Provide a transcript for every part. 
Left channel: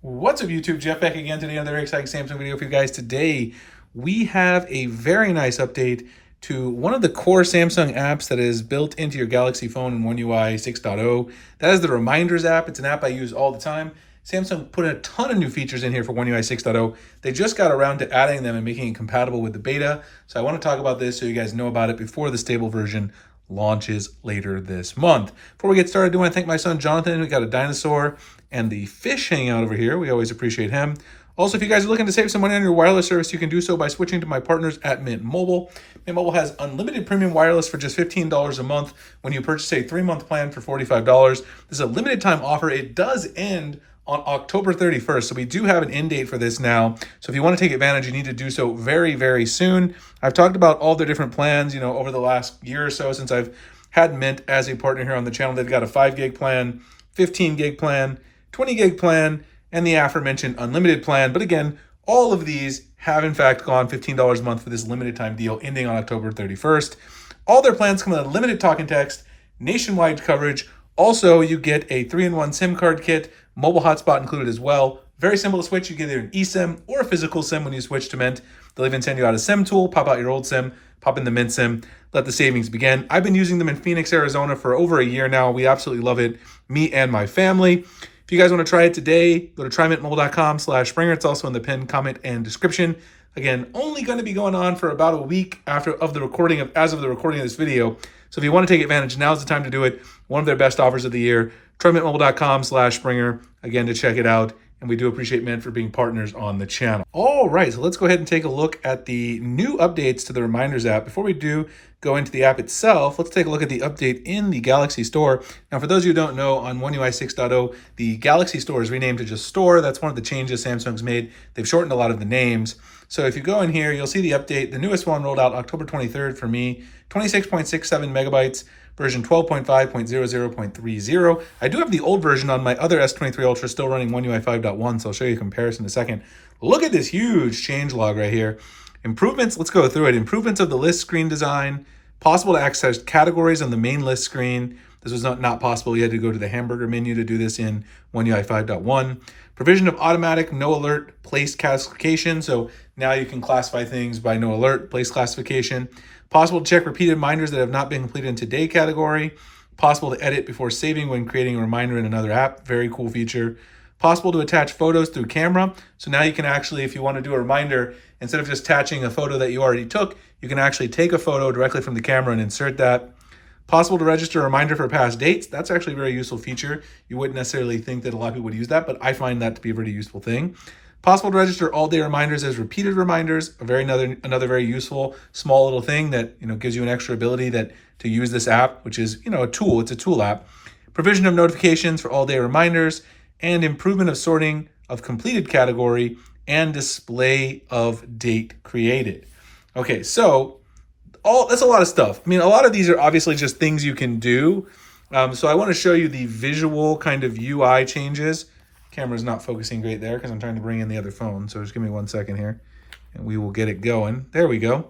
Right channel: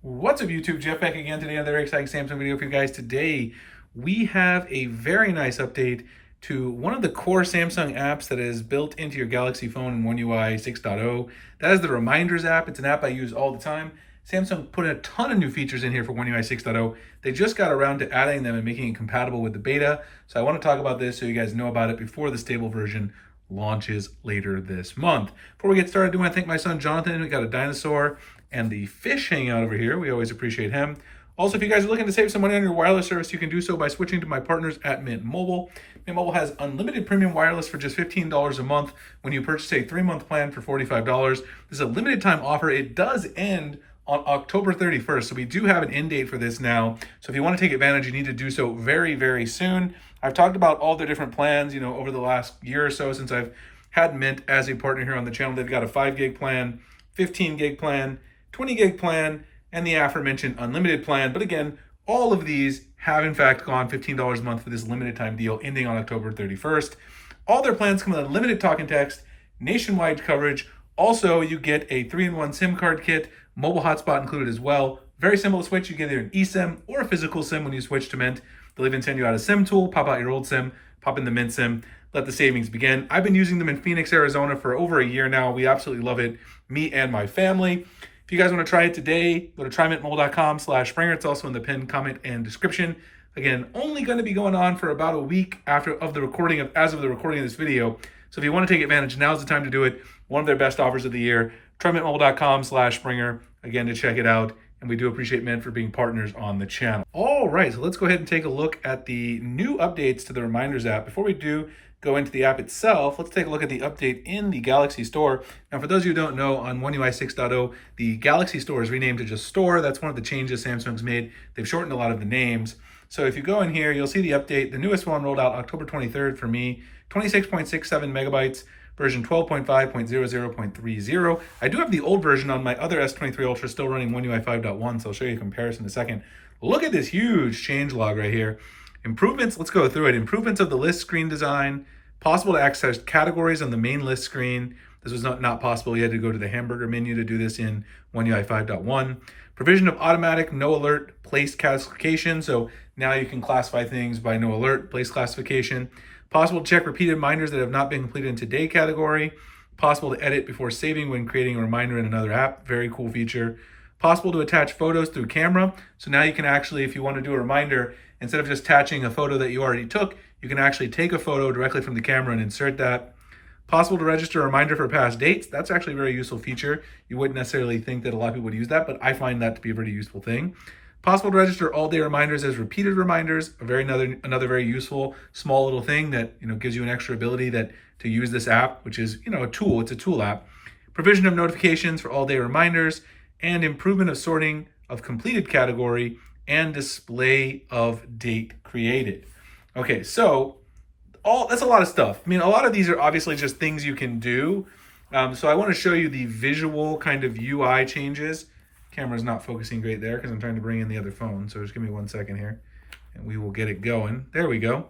What's up YouTube? Jeff back again today. Another exciting Samsung video for you guys. Today we have a very nice update to one of the core Samsung apps that is built into your Galaxy phone in One UI 6.0. That is the Reminders app. It's an app I use all the time. Samsung put a ton of new features in here for One UI 6.0. They just got around to adding them and making it compatible with the beta. So I want to talk about this so you guys know about it before the stable version launches later this month. Before we get started, I do want to thank my son Jonathan. We got a dinosaur and the fish hanging out over here. We always appreciate him. Also, if you guys are looking to save some money on your wireless service, you can do so by switching to my partners at Mint Mobile. Mint Mobile has unlimited premium wireless for just $15 a month when you purchase a 3-month plan for $45. This is a limited time offer. It does end on October 31st. So we do have an end date for this now. So if you want to take advantage, you need to do so very, very soon. I've talked about all their different plans, over the last year or so since I've had Mint as a partner here on the channel. They've got a 5 gig plan, 15 gig plan, 20 gig plan, and the aforementioned unlimited plan. But again, all of these have in fact gone $15 a month for this limited time deal ending on October 31st. All their plans come with a limited talk and text, nationwide coverage. Also, you get a 3-in-1 SIM card kit, mobile hotspot included as well. Very simple to switch. You get either an eSIM or a physical SIM when you switch to Mint. They'll even send you out a SIM tool, pop out your old SIM, pop in the Mint SIM, let the savings begin. I've been using them in Phoenix, Arizona for over a year now. We absolutely love it, me and my family. If you guys want to try it today, go to trymintmobile.com/Springer. It's also in the pinned comment and description. Again, only going to be going on for about a week as of the recording of this video. So if you want to take advantage, now's the time to do it. One of their best offers of the year. trymintmobile.com/Springer. Again, to check it out. And we do appreciate Mint for being partners on the channel. All right, so let's go ahead and take a look at the new updates to the Reminders app. Before we do go into the app itself, let's take a look at the update in the Galaxy Store. Now, for those of you who don't know, on One UI 6.0, the Galaxy Store is renamed to just Store. That's one of the changes Samsung's made. They've shortened a lot of the names. So if you go in here, you'll see the update. The newest one rolled out October 23rd for me, 26.67 megabytes. Version 12.5.00.30. I do have the old version on my other S23 Ultra still running One UI 5.1, so I'll show you a comparison in a second. Look at this huge changelog right here. Improvements, let's go through it. Improvements of the list screen design, possible to access categories on the main list screen. This was not possible. You had to go to the hamburger menu to do this in One UI 5.1. Provision of automatic no alert place classification. So now you can classify things by no alert place classification. Possible to check repeated reminders that have not been completed in today category. Possible to edit before saving when creating a reminder in another app. Very cool feature. Possible to attach photos through camera. So now you can actually, if you want to do a reminder, instead of just attaching a photo that you already took, you can actually take a photo directly from the camera and insert that. Possible to register a reminder for past dates. That's actually a very useful feature. You wouldn't necessarily think that a lot of people would use that, but I find that to be a very useful thing. Possible to register all-day reminders as repeated reminders. Another very useful small little thing that gives you an extra ability to use this app, which is a tool. It's a tool app. Provision of notifications for all-day reminders, and improvement of sorting of completed category and display of date created. Okay, so that's a lot of stuff. I mean, a lot of these are obviously just things you can do. So I want to show you the visual kind of UI changes. Camera's not focusing great there because I'm trying to bring in the other phone. So just give me 1 second here and we will get it going. There we go.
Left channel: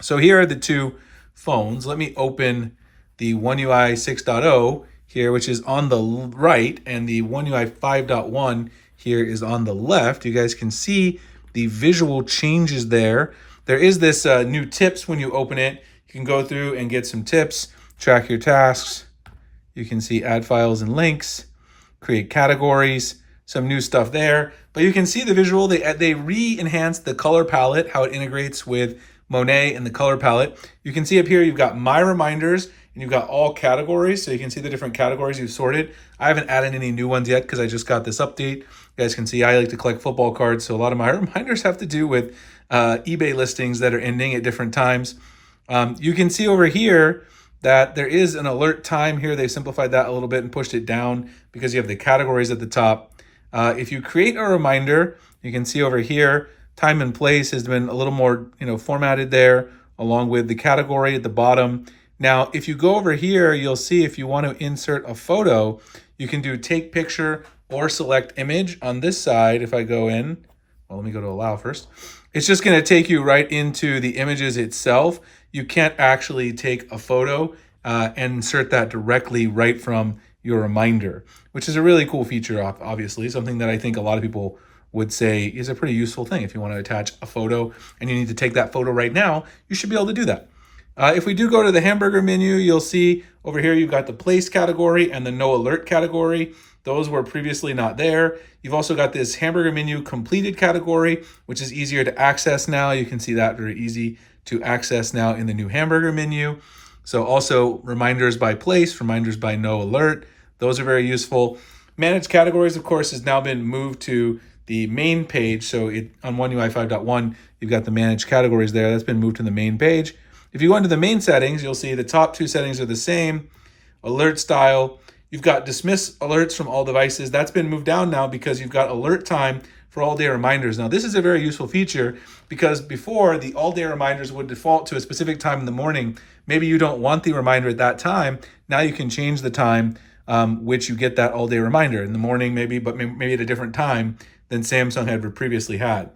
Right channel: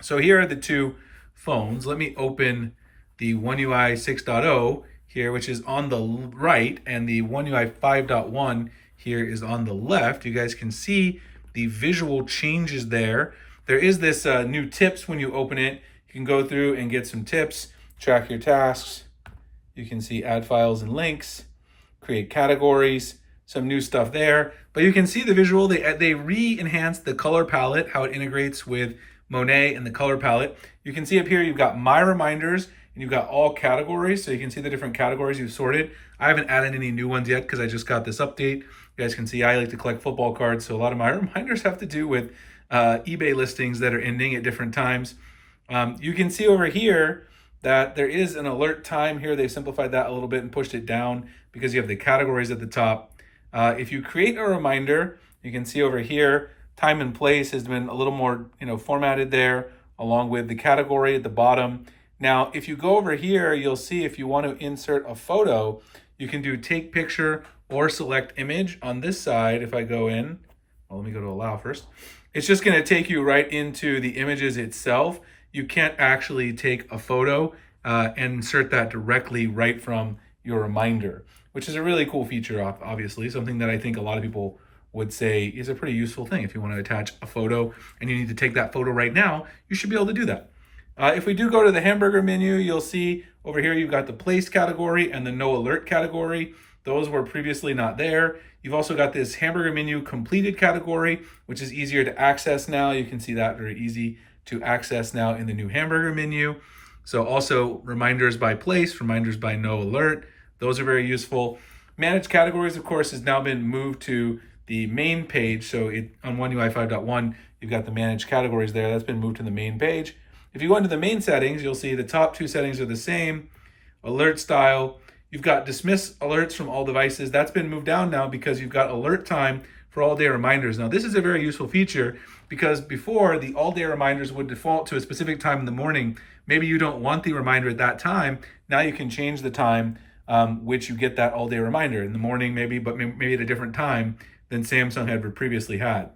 So here are the two phones. Let me open the One UI 6.0 here, which is on the right, and the One UI 5.1 here is on the left. You guys can see the visual changes there. There is this new tips when you open it. You can go through and get some tips, track your tasks. You can see add files and links, create categories, some new stuff there. But you can see the visual, they re-enhanced the color palette, how it integrates with Monet and the color palette. You can see up here, you've got My Reminders, and you've got all categories. So you can see the different categories you've sorted. I haven't added any new ones yet because I just got this update. You guys can see I like to collect football cards. So a lot of my reminders have to do with eBay listings that are ending at different times. You can see over here that there is an alert time here. They simplified that a little bit and pushed it down because you have the categories at the top. If you create a reminder, you can see over here, time and place has been a little more formatted there, along with the category at the bottom. Now, if you go over here, you'll see if you want to insert a photo, you can do take picture or select image on this side. If I go in, well, let me go to allow first. It's just going to take you right into the images itself. You can't actually take a photo and insert that directly right from your reminder, which is a really cool feature, obviously, something that I think a lot of people would say is a pretty useful thing. If you want to attach a photo and you need to take that photo right now, you should be able to do that. If we do go to the hamburger menu, you'll see over here you've got the place category and the no alert category. Those were previously not there. You've also got this hamburger menu completed category, which is easier to access now. You can see that very easy to access now in the new hamburger menu. So also reminders by place, reminders by no alert. Those are very useful. Managed categories, of course, has now been moved to the main page. So on One UI 5.1, you've got the managed categories there. That's been moved to the main page. If you go into the main settings, you'll see the top two settings are the same. Alert style. You've got dismiss alerts from all devices. That's been moved down now because you've got alert time for all day reminders. Now, this is a very useful feature because before the all day reminders would default to a specific time in the morning. Maybe you don't want the reminder at that time. Now you can change the time which you get that all day reminder in the morning, maybe, but maybe at a different time than Samsung had previously had.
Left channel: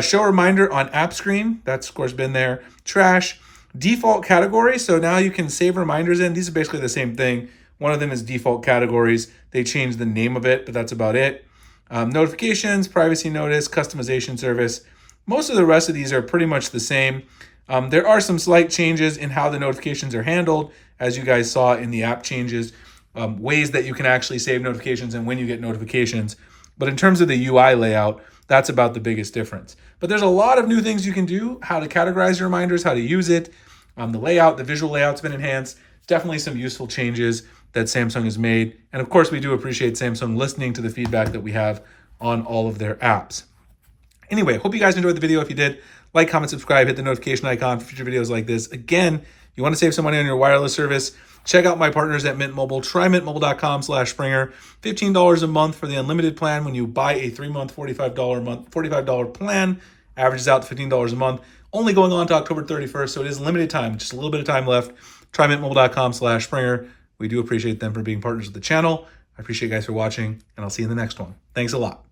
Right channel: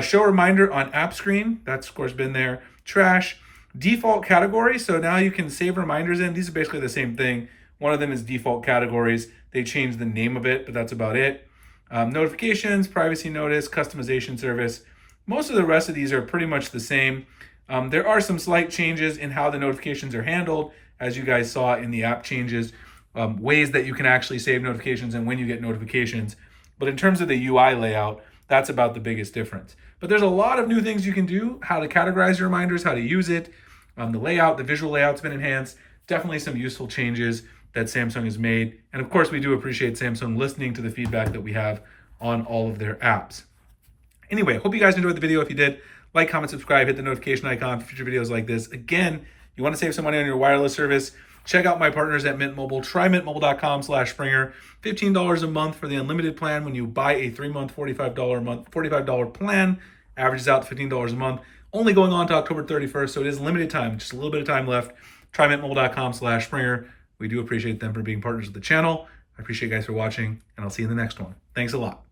Show reminder on app screen. That's of course been there. Trash. Default categories, so now you can save reminders in. These are basically the same thing. One of them is default categories. They changed the name of it, but that's about it. Notifications, privacy notice, customization service. Most of the rest of these are pretty much the same. There are some slight changes in how the notifications are handled, as you guys saw in the app changes, ways that you can actually save notifications and when you get notifications. But in terms of the UI layout, that's about the biggest difference. But there's a lot of new things you can do, how to categorize your reminders, how to use it. The layout, the visual layout's been enhanced. Definitely some useful changes that Samsung has made. And of course, we do appreciate Samsung listening to the feedback that we have on all of their apps. Anyway, hope you guys enjoyed the video. If you did, like, comment, subscribe, hit the notification icon for future videos like this. Again, you want to save some money on your wireless service, check out my partners at Mint Mobile. Try mintmobile.com/Springer. $15 a month for the unlimited plan. When you buy a 3-month, $45 plan, averages out to $15 a month. Only going on to October 31st, so it is limited time, just a little bit of time left. Try mintmobile.com/Springer. We do appreciate them for being partners of the channel. I appreciate you guys for watching, and I'll see you in the next one. Thanks a lot.